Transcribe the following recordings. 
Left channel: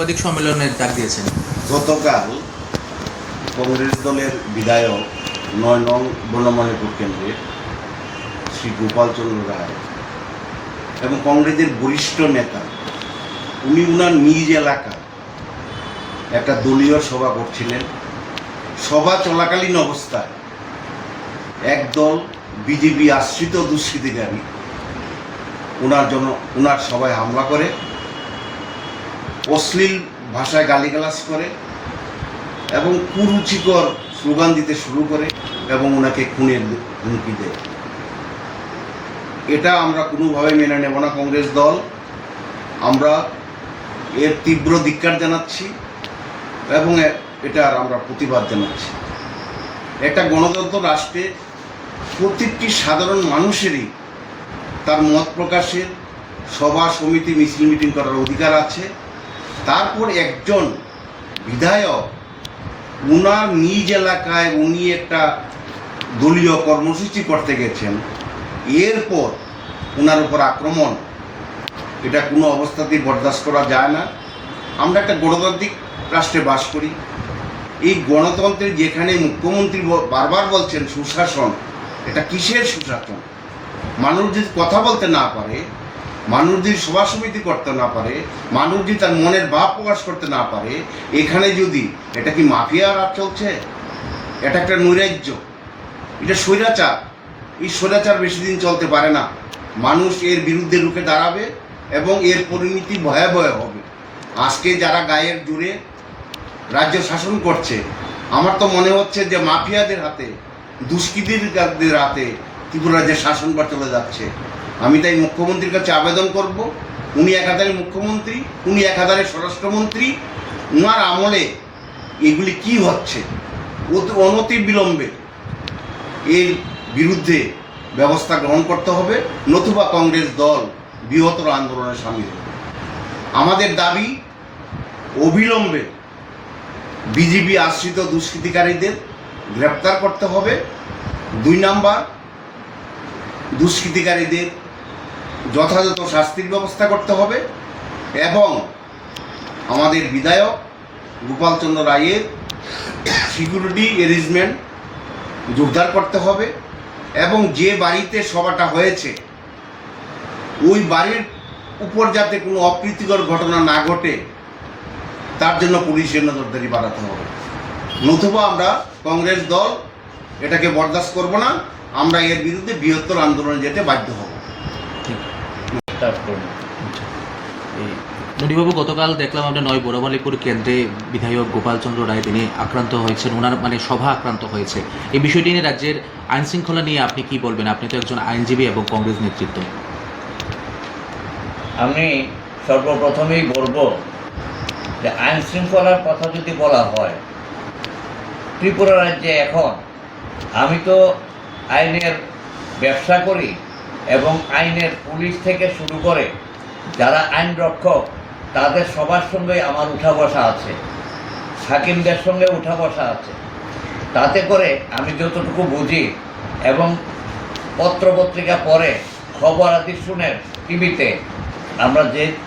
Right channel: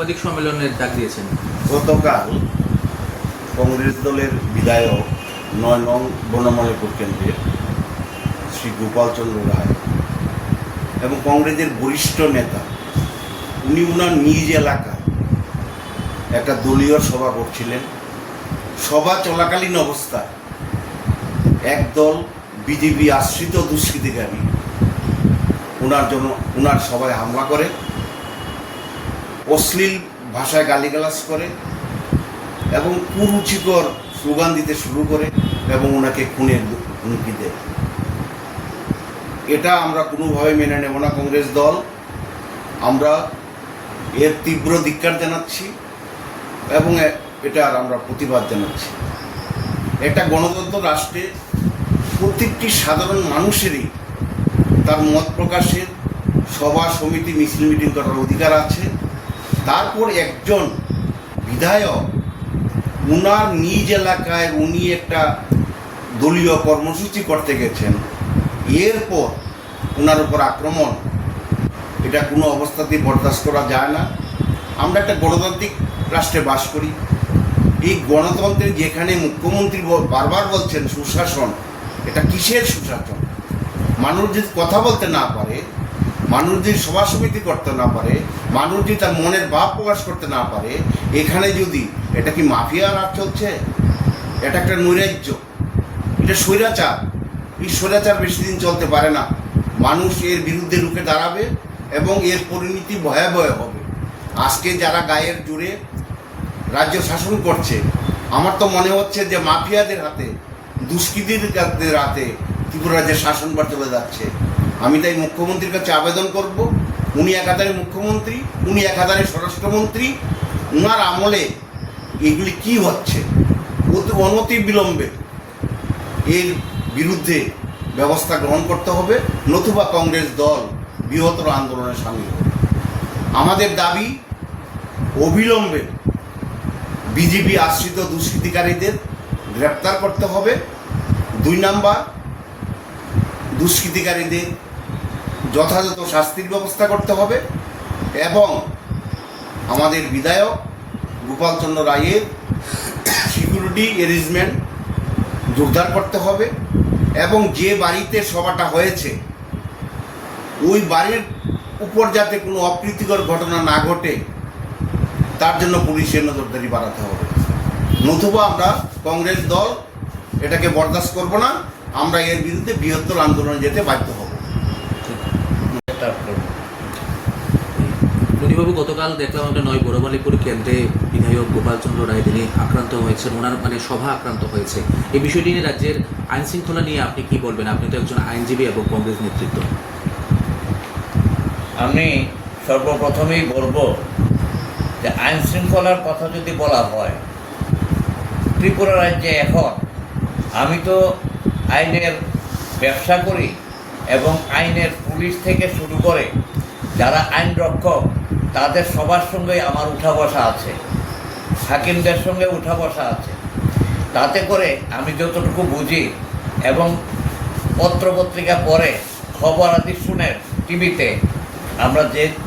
সাংবাদিক সম্মেলনের ডাক দিয়েছেন। গতকাল কংগ্রেস দলের বিধায়ক ৯ নং বনমালীপুর কেন্দ্রের শ্রী গোপাল চন্দ্র রায় এবং কংগ্রেসের বরিষ্ঠ নেতা উনি উনার নিজ এলাকায় একটা দলীয় সভা করছিলেন। সভা চলাকালীন অবস্থায় একদল বিজেপি আশ্রিত দুষ্কৃতিকারী উনার সভায় হামলা করে, অশ্লীল ভাষায় গালিগালাজ করে এবং কুরুচিকর স্লোগান দিতে শুরু করে এবং ওনাকে খুনের হুমকি দেয়। এটা আমরা কোনোভাবে মেনে নেব না। কংগ্রেস দল আমরা এর তীব্র ধিক্কার জানাচ্ছি এবং এটার আমরা প্রতিবাদ জানাচ্ছি। একটা গণতন্ত্র রাষ্ট্রে প্রত্যেকটি সাধারণ মানুষেরই তার মত প্রকাশের, সভা সমিতি মিছিল মিটিং করার অধিকার আছে। তারপর একজন বিধায়ক উনার নিজ এলাকায় উনি একটা দলীয় কর্মসূচি করতে গেছেন, এরপর উনার উপর আক্রমণ, এটা কোনো অবস্থাতেই বরদাস্ত করা যায় না। আমরা একটা গণতান্ত্রিক রাষ্ট্রে বাস করি। এই গণতন্ত্রের যেখানে মুখ্যমন্ত্রী বারবার বলছেন সুশাসন, এটা কিসের সুশাসন? মানুষ যদি কথা বলতে না পারে, মানুষ যদি সভা সমিতি করতে না পারে, মানুষ যদি তার মনের ভাব প্রকাশ করতে না পারে, এখানে যদি এটা কি মাফিয়া রাজ চলছে? এটা একটা নৈরাজ্য, এটা স্বৈরাচার। এই স্বৈরাচার বেশি দিন চলতে পারে না। মানুষ এর বিরুদ্ধে রুখে দাঁড়াবে এবং এর পরিণতি ভয়াবহ হবে। আজকে যারা গায়ের জোরে রাজ্য শাসন করছে, আমার তো মনে হচ্ছে যে মাফিয়াদের হাতে, দুষ্কৃতীদের হাতে ত্রিপুরা রাজ্যের শাসনভার চলে যাচ্ছে। আমি তাই মুখ্যমন্ত্রীর কাছে আবেদন করব, উনি একাধারে মুখ্যমন্ত্রী, উনি একাধারে স্বরাষ্ট্রমন্ত্রী, উনার আমলে এগুলি কি হচ্ছে অনতি বিলম্বে এর বিরুদ্ধে ব্যবস্থা গ্রহণ করতে হবে, নতুবা কংগ্রেস দল বৃহত্তর আন্দোলনে সামিল হবে। আমাদের দাবি অবিলম্বে বিজেপি আশ্রিত দুষ্কৃতিকারীদের গ্রেপ্তার করতে হবে। ২ নাম্বার, দুষ্কৃতিকারীদের যথাযথ শাস্তির ব্যবস্থা করতে হবে এবং আমাদের বিধায়ক গোপাল চন্দ্র রায়ের সিকিউরিটি অ্যারেঞ্জমেন্ট জোরদার করতে হবে এবং যে বাড়িতে সভাটা হয়েছে ওই বাড়ির উপর যাতে কোনো অপ্রীতিকর ঘটনা না ঘটে তার জন্য পুলিশের নজরদারি বাড়াতে হবে। নতুবা আমরা কংগ্রেস দল এটাকে বরদাস্ত করব না। আমরা এর বিরুদ্ধে বৃহত্তর আন্দোলনে যেতে বাধ্য হব। মণিবাবু, গতকাল দেখলাম আমরা ৯ বনমালীপুর কেন্দ্রে বিধায়ক গোপাল চন্দ্র রায় তিনি আক্রান্ত হয়েছেন, ওনার সভা আক্রান্ত হয়েছে। এই বিষয়টি নিয়ে রাজ্যের আইন শৃঙ্খলা নিয়ে আপনি কি বলবেন? আপনি তো একজন আইনজীবী এবং কংগ্রেস নেতৃত্ব। আমি সর্বপ্রথমেই বলবো যে আইন শৃঙ্খলার কথা যদি বলা হয়, ত্রিপুরা রাজ্যে এখন আমি তো আইনের ব্যবসা করি এবং আইনের পুলিশ থেকে শুরু করে যারা আইন রক্ষক তাদের সবার সঙ্গে আমার উঠা বসা আছে, হাকিমদের সঙ্গে উঠা বসা আছে। তাতে করে আমি যতটুকু বুঝি এবং পত্রপত্রিকা পড়ে খবর আদি শুনে টিভিতে আমরা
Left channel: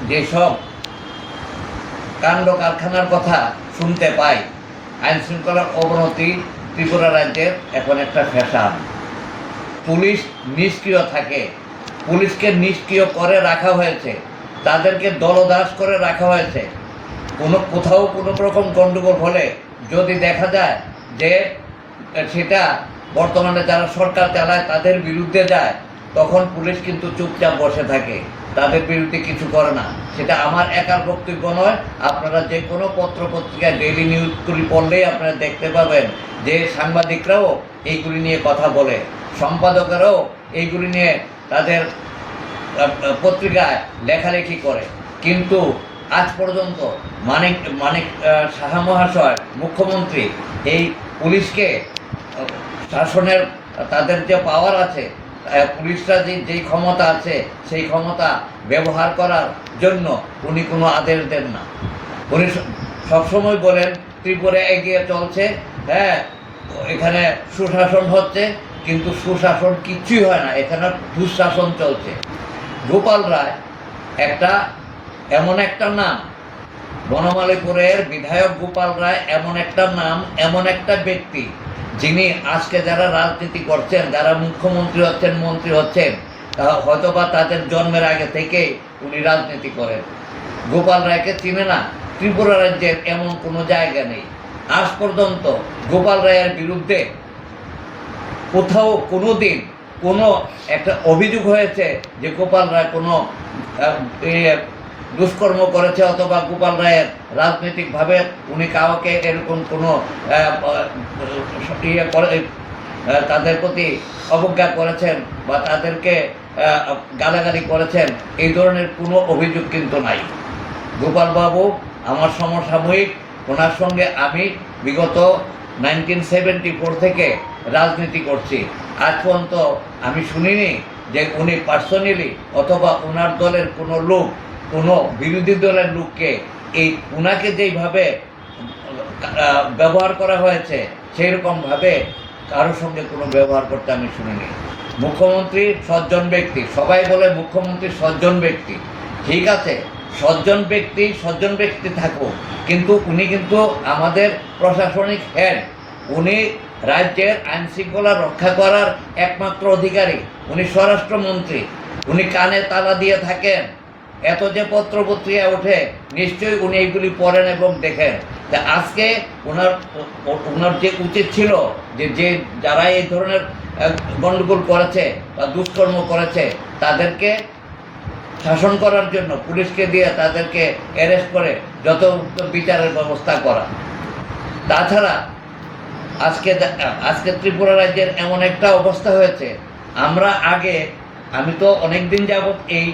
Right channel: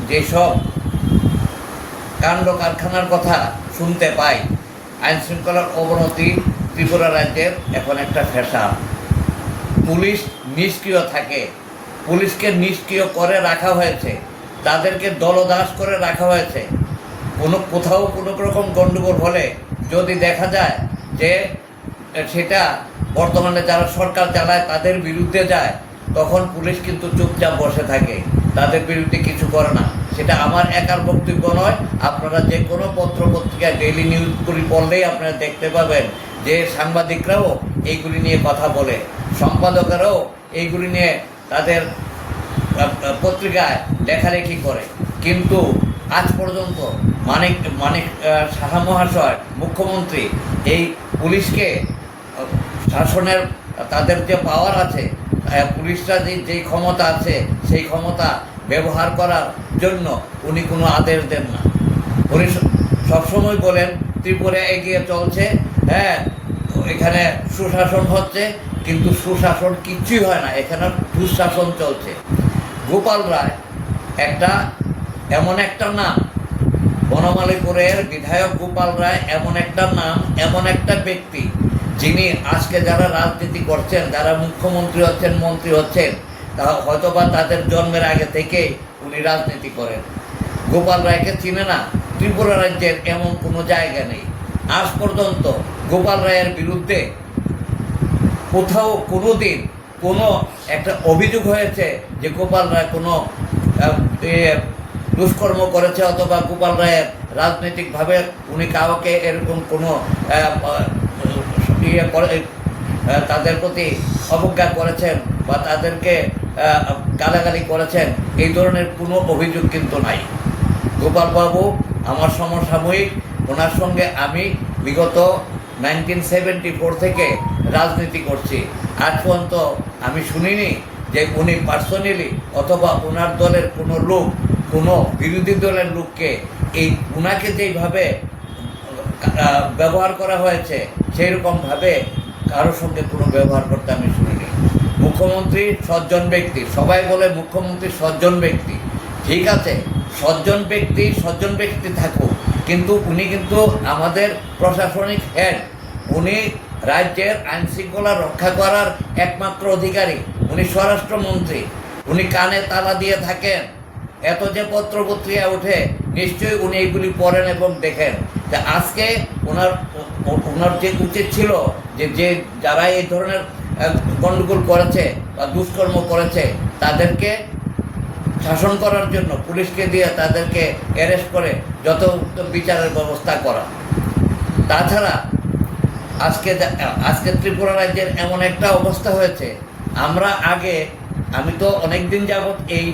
যেসব কাণ্ড কারখানার কথা শুনতে পাই, আইন শৃঙ্খলার অবনতি ত্রিপুরা রাজ্যের এখন একটা ফ্যাশন। পুলিশ নিষ্ক্রিয় থাকে, পুলিশকে নিষ্ক্রিয় করে রাখা হয়েছে, তাদেরকে দলদাস করে রাখা হয়েছে। কোথাও কোনো রকম গণ্ডগোল হলে যদি দেখা যায় যে সেটা বর্তমানে যারা সরকার চালায় তাদের বিরুদ্ধে যায়, তখন পুলিশ কিন্তু চুপচাপ বসে থাকে, তাদের বিরুদ্ধে কিছু করে না। সেটা আমার একার বক্তব্য নয়। আপনারা যে কোনো পত্রপত্রিকায় ডেইলি নিউজগুলি পড়লেই আপনারা দেখতে পাবেন যে সাংবাদিকরাও এইগুলি নিয়ে কথা বলে, সম্পাদকেরাও এইগুলি নিয়ে তাদের পত্রিকায় লেখালেখি করে। কিন্তু আজ পর্যন্ত মানিক সাহা মহাশয় মুখ্যমন্ত্রী এই পুলিশকে শাসনের তাদের যে পাওয়ার আছে, পুলিশরা যে ক্ষমতা আছে সেই ক্ষমতা ব্যবহার করার জন্য উনি কোনো আদেশ দেন না। উনি সবসময় বলেন ত্রিপুরা এগিয়ে চলছে, হ্যাঁ এখানে সুশাসন হচ্ছে, কিন্তু সুশাসন কিচ্ছুই হয় না, এখানে দুঃশাসন চলছে। গোপাল রায় এমন একটা নাম, বনমালীপুরের বিধায়ক গোপাল রায় এমন একটা নাম, এমন একটা ব্যক্তি, যিনি আজকে যারা রাজনীতি করছেন, যারা মুখ্যমন্ত্রী হচ্ছেন, মন্ত্রী হচ্ছেন, তা হয়তোবা তাদের জন্মের আগে থেকে উনি রাজনীতি করেন। গোপাল রায়কে চিনে না ত্রিপুরা রাজ্যের এমন কোনো জায়গা নেই। আজ পর্যন্ত গোপাল রায়ের বিরুদ্ধে কোথাও কোনো দিন কোনো একটা অভিযোগ হয়েছে যে গোপাল রায় কোনো দুষ্কর্ম করেছে, অথবা গোপাল রায়ের রাজনৈতিকভাবে উনি কাউকে এরকম কোনো তাদের প্রতি অবজ্ঞা করেছেন বা তাদেরকে গালাগালি করেছেন, এই ধরনের কোনো অভিযোগ কিন্তু নাই। গোপালবাবু আমার সমসাময়িক, ওনার সঙ্গে আমি বিগত 1974 থেকে রাজনীতি করছি। আজ পর্যন্ত আমি শুনিনি যে উনি পার্সোনালি অথবা ওনার দলের কোনো লোক, কোনো বিরোধী দলের লোককে উনাকে যেইভাবে ব্যবহার করা হয়েছে সেইরকমভাবে কারোর সঙ্গে কোনো ব্যবহার করতে আমি শুনিনি। মুখ্যমন্ত্রী সজ্জন ব্যক্তি, সবাই বলে মুখ্যমন্ত্রী সজ্জন ব্যক্তি, ঠিক আছে, সজ্জন ব্যক্তি থাকুক, কিন্তু উনি কিন্তু আমাদের প্রশাসনিক হেড, উনি রাজ্যের আইন শৃঙ্খলা রক্ষা করার একমাত্র অধিকারী, উনি স্বরাষ্ট্রমন্ত্রী, উনি কানে তালা দিয়ে থাকেন। এত যে পত্রপত্রিকা ওঠে, নিশ্চয়ই উনি এগুলি পড়েন এবং দেখেন। তা আজকে ওনার যে উচিত ছিল যে যারা এই ধরনের গণ্ডগোল করেছে বা দুষ্কর্ম করেছে তাদেরকে শাসন করার জন্য পুলিশকে দিয়ে তাদেরকে অ্যারেস্ট করে যত বিচারের ব্যবস্থা করা। তাছাড়া আজকে ত্রিপুরা রাজ্যের এমন একটা অবস্থা হয়েছে, আমি তো অনেক দিন যাবৎ এই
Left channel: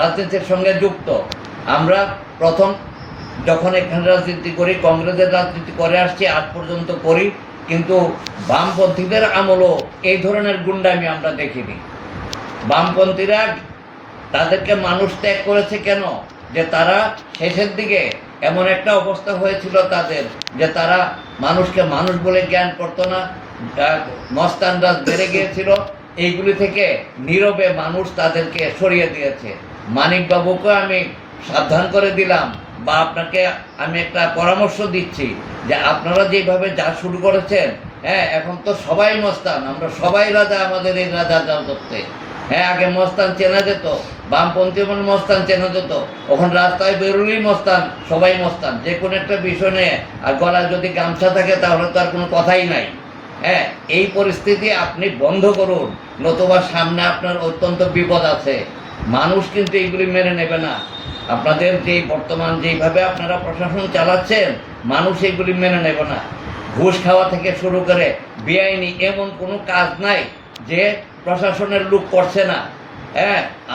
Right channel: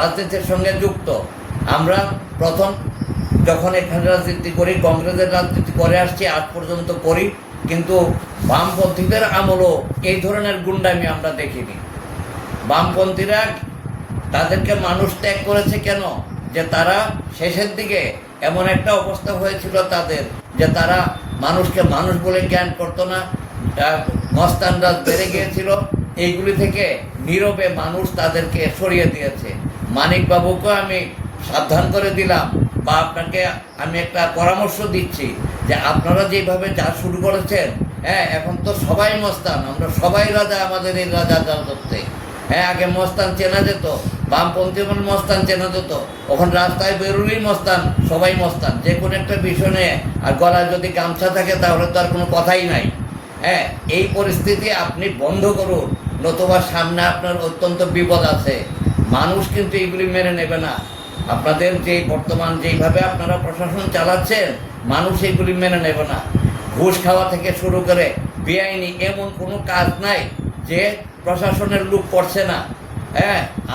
রাজনীতির সঙ্গে যুক্ত। আমরা প্রথম যখন এখানে রাজনীতি করি, কংগ্রেসের রাজনীতি করে আসছি, আজ পর্যন্ত করি, কিন্তু বামপন্থীদের আমলও এই ধরনের গুন্ডামি আমরা দেখিনি। বামপন্থীরা তাদেরকে মানুষ ত্যাগ করেছে কেন? যে তারা শেষের দিকে এমন একটা অবস্থা হয়েছিল তাদের, যে তারা মানুষকে মানুষ বলে জ্ঞান করতো না, মস্তানরাজ বেড়ে গিয়েছিল। এইগুলি থেকে নীরবে মানুষ তাদেরকে সরিয়ে দিয়েছে। মানিকবাবুকে আমি সাবধান করে দিলাম, বা আপনাকে আমি একটা পরামর্শ দিচ্ছি যে আপনারা যেভাবে যা শুরু করেছেন, এখন তো সবাই মস্তান, আমরা সবাই রাজা, আমাদের এই রাজা রাজত্বে। আগে মস্তান চেনা যেত, বামপন্থী এবং মস্তান চেনা যেত, এখন রাস্তায় বেরোলেই মস্তান, সবাই মস্তান, যে কোনো একটা বিষয় নিয়ে। আর গলায় যদি গামছা থাকে তাহলে তো আর কোনো কথাই নাই। এই পরিস্থিতি আপনি বন্ধ করুন, নতুবা সামনে আপনার অত্যন্ত বিপদ আছে। মানুষ কিন্তু এইগুলি মেনে নেবে না। আপনাদের যে বর্তমান যেইভাবে আপনারা প্রশাসন চালাচ্ছেন, মানুষ এইগুলি মেনে নেবে না। ঘুষ খাওয়া থেকে শুরু করে বেআইনি এমন কোনো কাজ নাই যে প্রশাসনের লোক করছে না।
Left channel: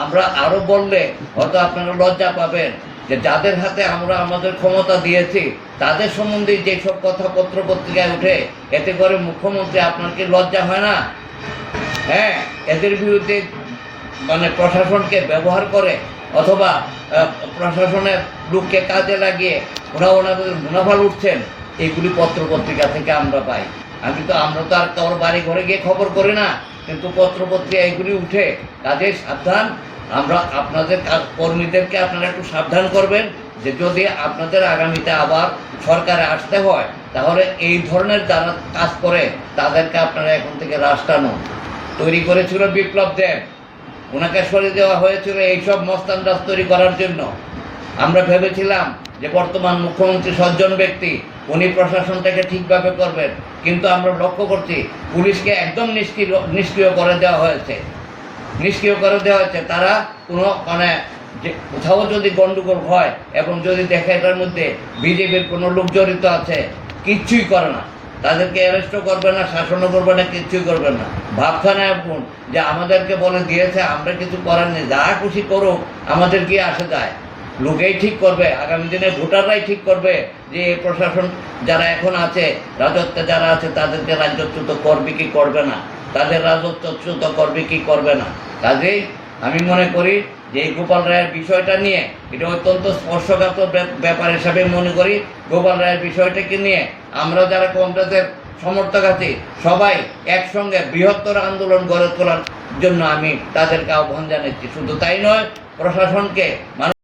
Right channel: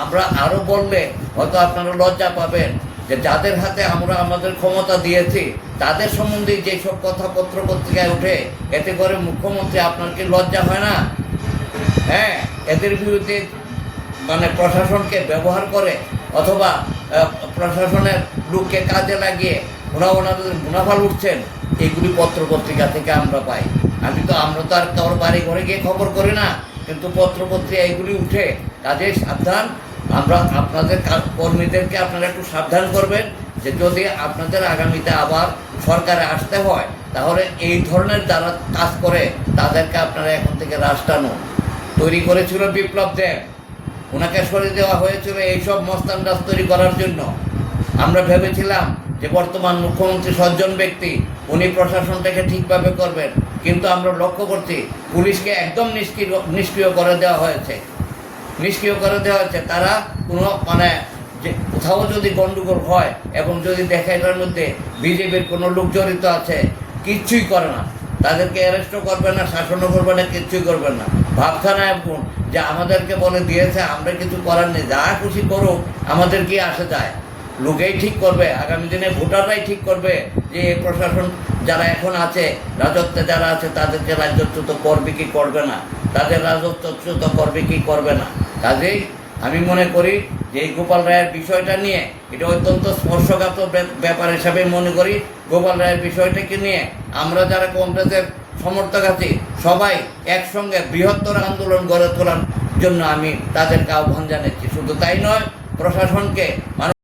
আমরা আরো বললে হয়তো আপনারা লজ্জা পাবেন যে যাদের হাতে আমরা আমাদের ক্ষমতা দিয়েছি তাদের সম্বন্ধে যেসব কথা পত্রপত্রিকায় ওঠে, এতে করে মুখ্যমন্ত্রী আপনার কি লজ্জা হয় না? এদের বিরুদ্ধে প্রশাসনকে ব্যবহার করে অথবা প্রশাসনের লোককে কাজে লাগিয়ে ওনাদের মুনাফা লুটছেন, এগুলি পত্রপত্রিকা থেকে আমরা পাই। আমরা তো আর তোর বাড়ি ঘরে গিয়ে খবর করি না, কিন্তু পত্রপত্রিকা এগুলি উঠে। কাজে সাবধান, আমরা আপনাদের কর্মীদেরকে আপনারা একটু সাবধান করবেন যে যদি আপনাদের আগামীতে আবার সরকারে আসতে হয়, তাহলে এই ধরনের যারা কাজ করে তাদেরকে আপনারা এখন থেকে রাস্তানো তৈরি করেছিল বিপ্লব দেব, ওনাকে সরিয়ে দেওয়া হয়েছিল এইসব মস্তান রাজ তৈরি করার জন্য। আমরা ভেবেছিলাম যে বর্তমান মুখ্যমন্ত্রী সজ্জন ব্যক্তি, উনি প্রশাসনটাকে ঠিকভাবে করবেন, কিন্তু আমরা লক্ষ্য করছি পুলিশকে একদম নিষ্ক্রিয় করে দেওয়া হয়েছে। তারা কোনো যে কোথাও যদি গণ্ডগোল হয় এবং যদি দেখে এটার মধ্যে বিজেপির কোনো লোক জড়িত আছে, কিচ্ছুই করে না, তাদেরকে অ্যারেস্টও করবে না, শাসনও করবে না, কিচ্ছুই করবে না। ভাবখানা এখন যে আমাদেরকে বলে দিয়েছে, আমরা কিছু করার নেই, যা খুশি করুক, আমাদের কি আসে যায়। লোকেই ঠিক করবে, আগামী দিনে ভোটাররাই ঠিক করবে যে এই প্রশাসন যারা এখন আছে, রাজত্বে যারা আছে, তাদেরকে রাজত্বচ্যুত করবে কি করবে না, তাদের রাজত্বচ্যুত করবে কি করবে না। কাজেই আমি মনে করি যে এই গোপাল রায়ের বিষয়টা নিয়ে এটা অত্যন্ত স্পর্শকাতর ব্যাপার হিসাবে মনে করি। গোপাল রায়ের বিষয়টাকে নিয়ে আমরা যারা কংগ্রেসের সমর্থক আছি, সবাই একসঙ্গে বৃহত্তর আন্দোলন গড়ে তোলার জন্য আমি তাদেরকে আহ্বান জানাচ্ছি। শুধু তাই নয়, প্রশাসনকে